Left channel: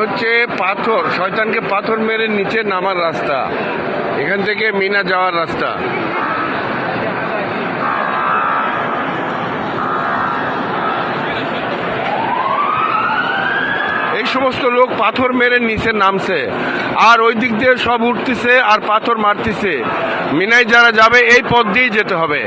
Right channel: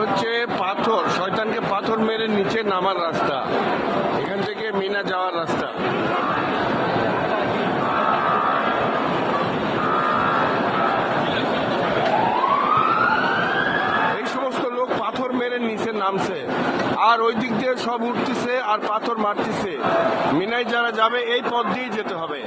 হচ্ছে পাথর, শয়তানকে পাথর মেরে নিচে নামার রাস্তা, এখান থেকে মিনা যাওয়ার রাস্তা। এই সমস্ত লোক পাথর মেরে নিচে নামছে, আর ওই দিক দিয়ে সব উঠতেছে আর পাথর মারতেছে। মিনায় যারা যাবে এই পথ দিয়েই যেতে হবে।